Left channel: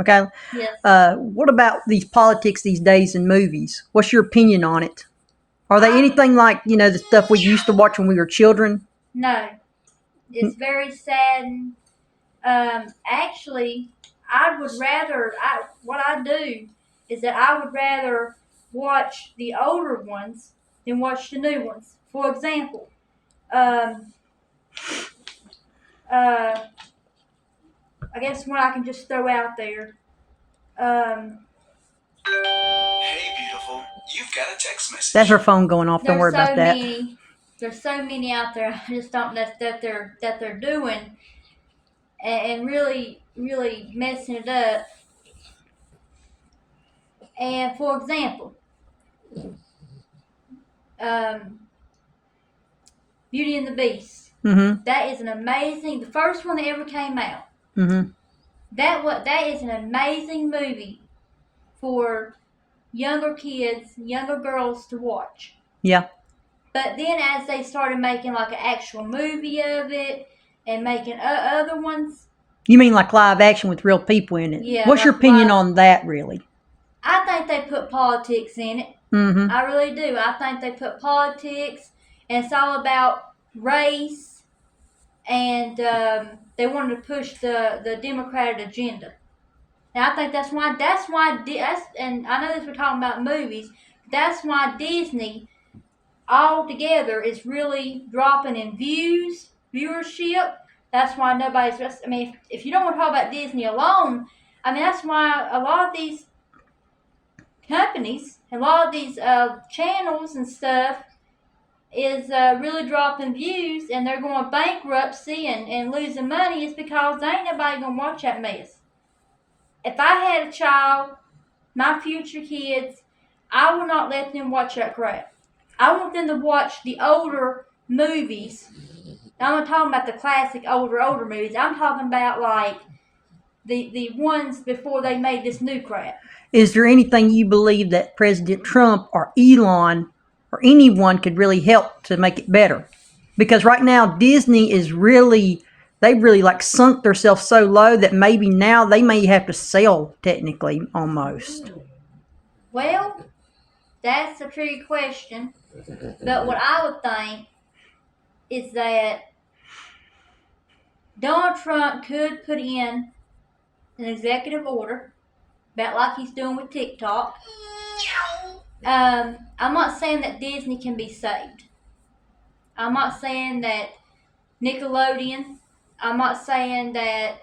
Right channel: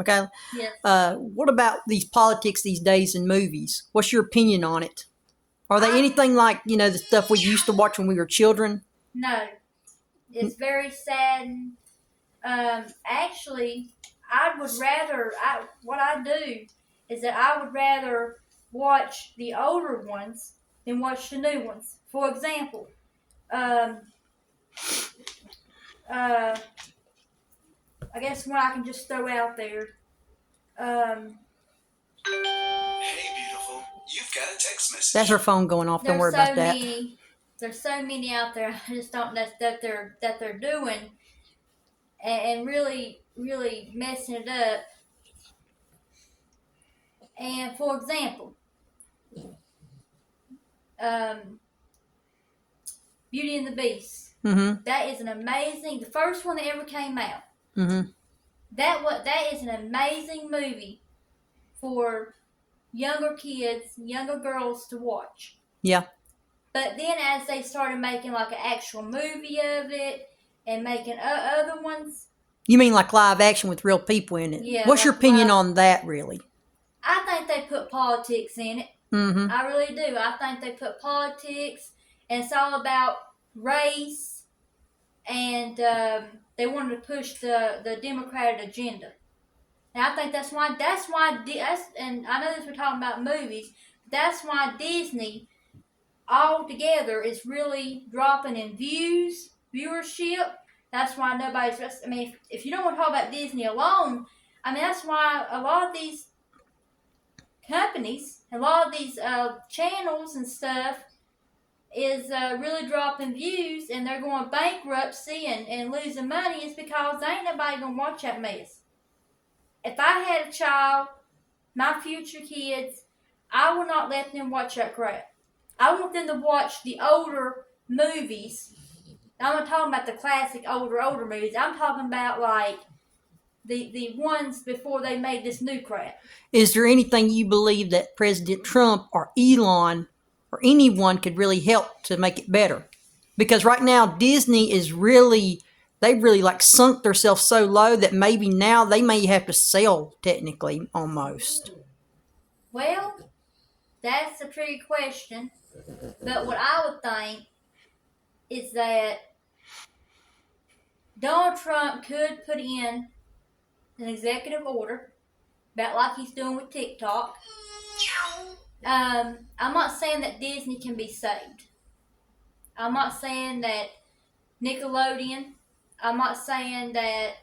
Okay. Yes. What about these politics these days in movies? What's your opinion on it? Are they anything like, the stuff we used to watch when we were children? No. It's very sad. Actually, what I do is that I would rather watch the older ones than watch the new ones. For example, um, I guess one I can just throw out there. Hey, beautiful. You've got a text message. That's her phone going off. Don't worry about that. There's so many out there. I just don't know that they're doing and really messing it up. And for example, Beauty and the Beast. Mm-hmm. That is the first one that ever came out. Mm-hmm. That is an amazing movie for younger kids, younger girls to watch. Yeah. But then as they started making like an actual movie of it and making other ones. You mean like live action with real people in it? Yeah. What's your opinion on that, really? I think they put politics in it. Mm-hmm. I really do. I think they put politics, and it's all about race, and they wanted to push the Democratic agenda. And I think that's why, and I know this we're talking about movies, that's why Disney altogether is really dropping in viewership. That's why if you don't want to talk about Disney alone, that's why a lot of these companies, a lot of these channels and stuff is really dropping views, and they're going bankruptcy and losing money, is because there ain't nobody going to watch that mess. If I had a child, my future kids, I will not let them watch that crap. I want them to watch the older movies. I'm not talking about the classic older movies. I'm talking about like the ones before they made this new crap. Is there anything you believe that President Trump or Elon or anyone could really help to make it better? Because right now Disney is they've really like sunk themselves so low that maybe now they may have to sell, technically, almost. Well, that's a tricky question. But what I would think is that Donald Trump could put in an executive order, about like he's doing with TikTok. I'm not saying that Disney can be saved. I'm not saying that Nickelodeon. I'm not saying that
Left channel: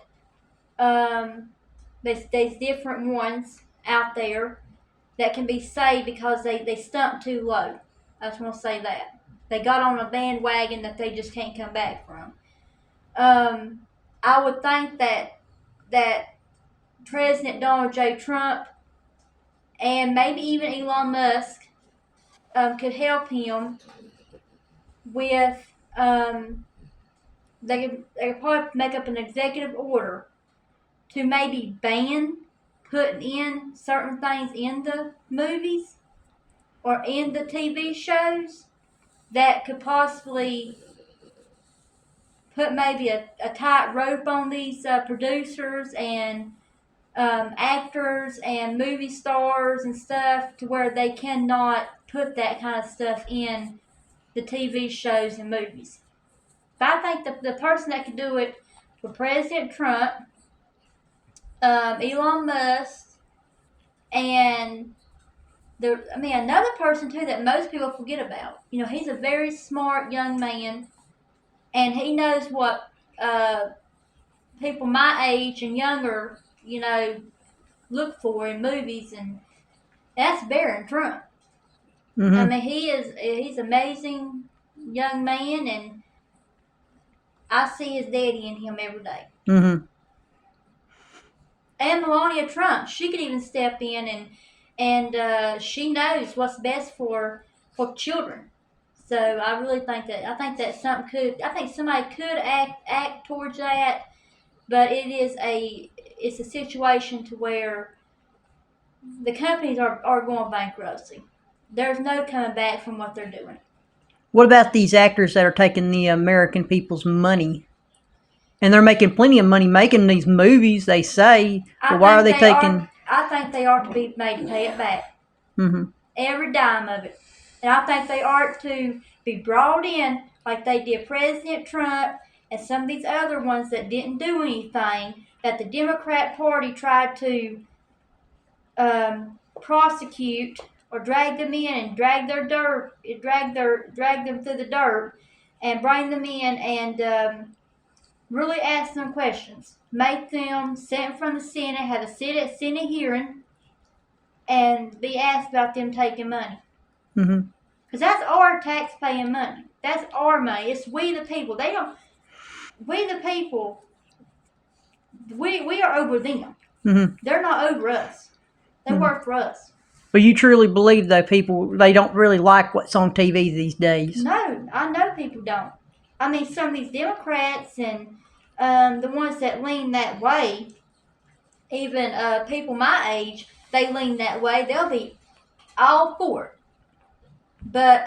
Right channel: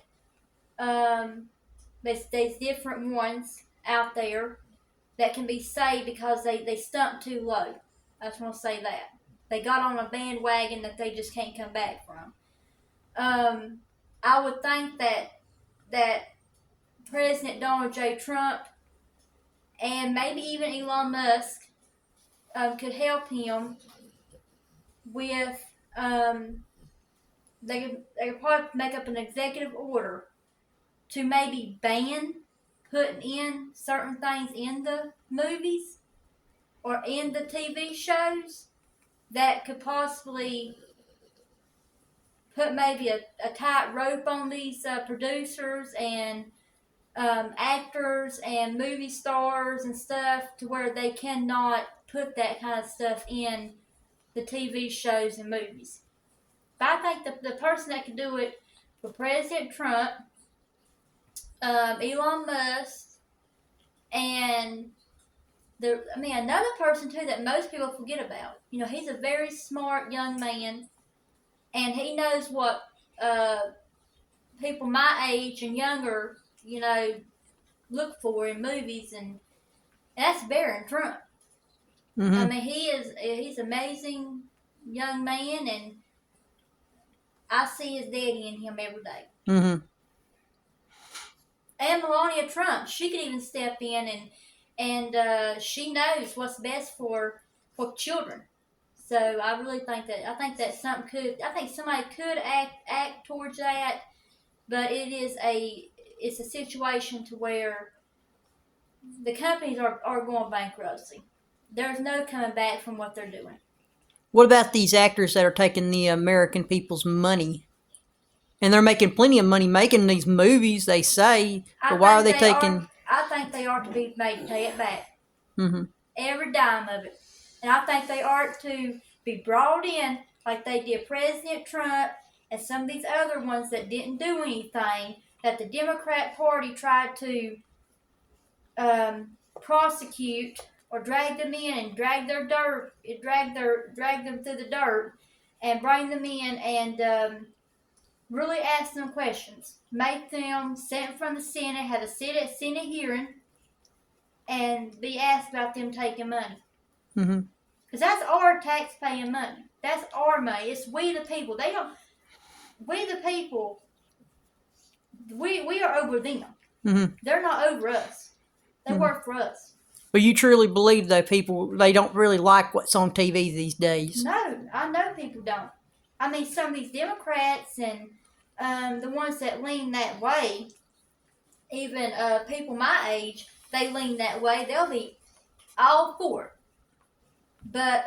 there's different ones out there that can be saved because they stumped too low. I just want to say that. They got on a bandwagon that they just can't come back from. I would think that President Donald J. Trump and maybe even Elon Musk could help him with they could probably make up an executive order to maybe ban putting in certain things in the movies or in the TV shows that could possibly put maybe a tight rope on these producers and actors and movie stars and stuff, to where they cannot put that kind of stuff in the TV shows and movies. But I think the person that could do it for President Trump, Elon Musk, and another person too that most people forget about. He's a very smart young man, and he knows what people my age and younger, look for in movies, and that's Barron Trump. Mm-hmm. He's an amazing young man, and I see his daddy in him every day. Mm-hmm. And Melania Trump, she could even step in and she knows what's best for children. So I really think that somebody could act towards that, but it's a situation to where the companies are going bankruptcy. There's no coming back from what they're doing. What about these actors that are taking the American people's money? And they're making plenty of money making these movies, they say. But why are they taking... I think they are to be made to pay it back. Mm-hmm. Every dime of it. And I think they are to be brought in like they did President Trump and some of these other ones that didn't do anything, that the Democrat Party tried to prosecute or drag them in and drag them through the dirt and bring them in and really ask them questions. Make them sit in front of the Senate, have a Senate hearing, and be asked about them taking money. Mm-hmm. Because that's our tax-paying money. That's our money. It's we the people. We the people, we are over them. Mm-hmm. They're not over us. They work for us. But you truly believe, though, people, they don't really like what's on TV these days. No, I know people don't. I mean, some of these Democrats and the ones that lean that way, even people my age, they lean that way. They'll be all for it. But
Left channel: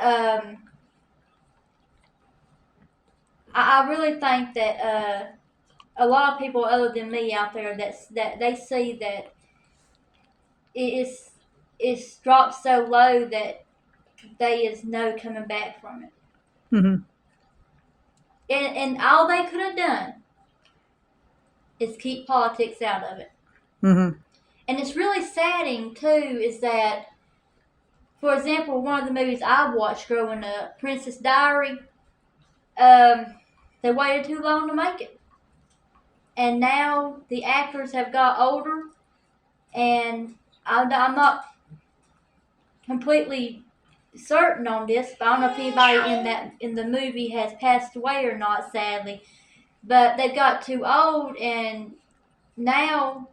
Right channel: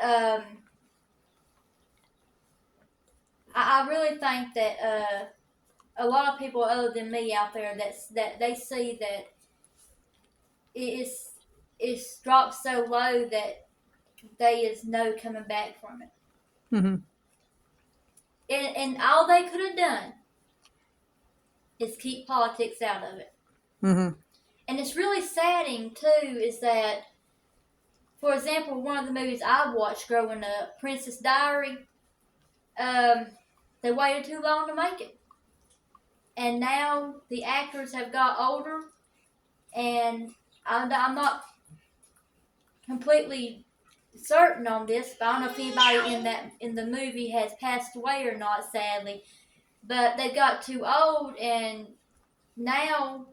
I really think that a lot of people other than me out there that they see that it's dropped so low that there is no coming back from it. Mm-hmm. And all they could have done is keep politics out of it. Mm-hmm. And it's really saddening too is that, for example, one of the movies I watched growing up, Princess Diary, they waited too long to make it. And now the actors have got older, and I'm not completely certain on this, but I don't know if anybody in the movie has passed away or not, sadly. But they got too old, and now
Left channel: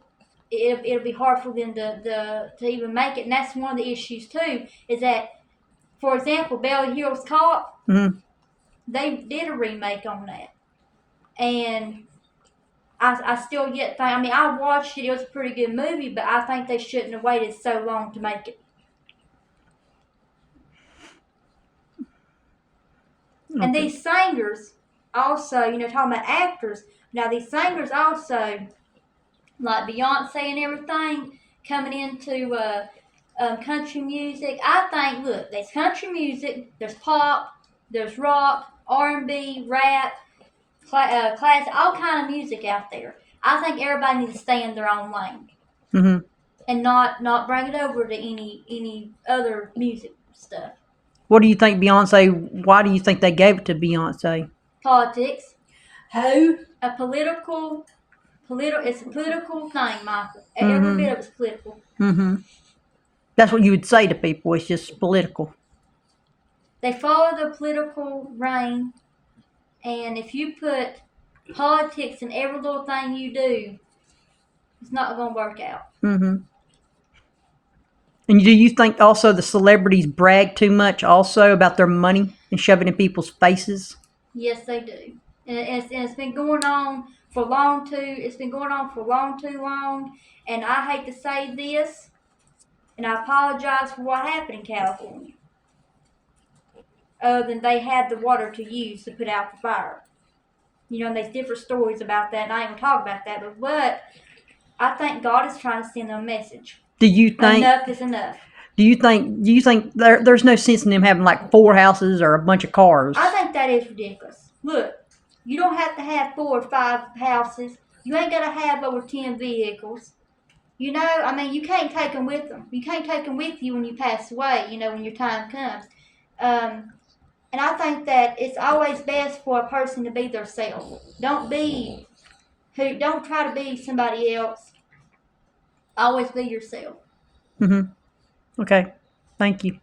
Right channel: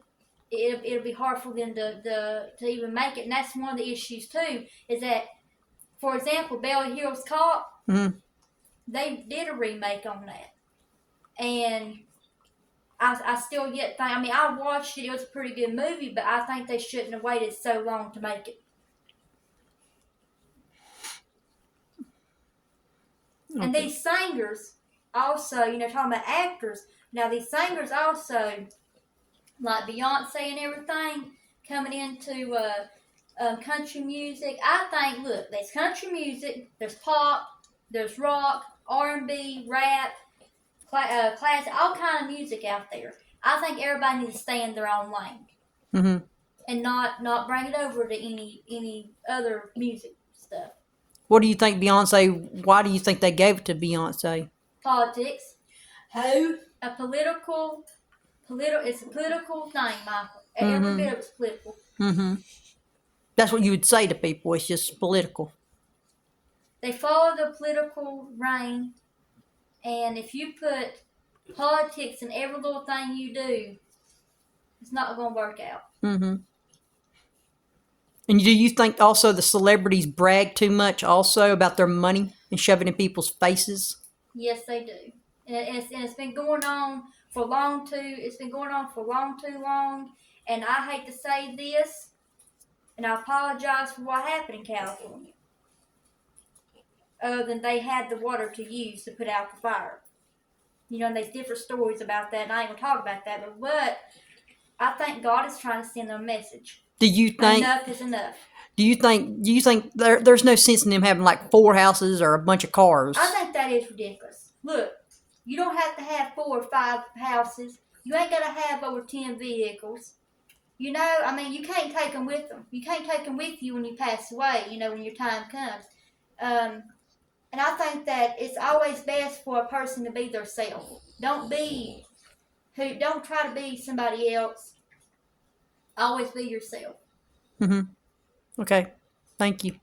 it'll be hard for them to even make it. And that's one of the issues too, is that, for example, Beverly Hills Cop, Mm-hmm. they did a remake on that, and I still think, I mean, I watched it, it was a pretty good movie, but I think they shouldn't have waited so long to make it. Okay. And these singers also, talking about actors, now these singers also, like Beyonce and everything, coming into country music. I think, look, there's country music, there's pop, there's rock, R&B, rap, classic, all kind of music out there. I think everybody needs to stay in their own lane. Mm-hmm. And not bring it over to any other music stuff. What do you think, Beyonce? Why do you think they gave it to Beyonce? Politics. Who? It's a political thing, Michael. Every bit of it's political. Mm-hmm. That's what you would say to people. It's just political. They follow the political reign, and if you put politics in every little thing you do, it's not going to work out. Mm-hmm. And do you think also the celebrities brag too much also about their money and shove it in people's faces? Yes, they do. And it's been going on for long too long. And I hate to say this, and I apologize for what happened in California. Other than they had the water to use to put out the fire. And there's different stories about that, and I ain't gonna talk about that, but I think God is trying to send them a message. Do you think Enough is enough. Do you think there's no sense in them having like 4 houses or a bunch of cars? I think that is ridiculous. Look, you don't have to have 4 or 5 houses. You ain't got to have over 10 vehicles. You can't take them with them. You can't take them with you when you pass away, when your time comes. And I think that it's always best for a person to be their self. Don't try to be somebody else. Always be yourself. Mm-hmm. Okay. Thank you.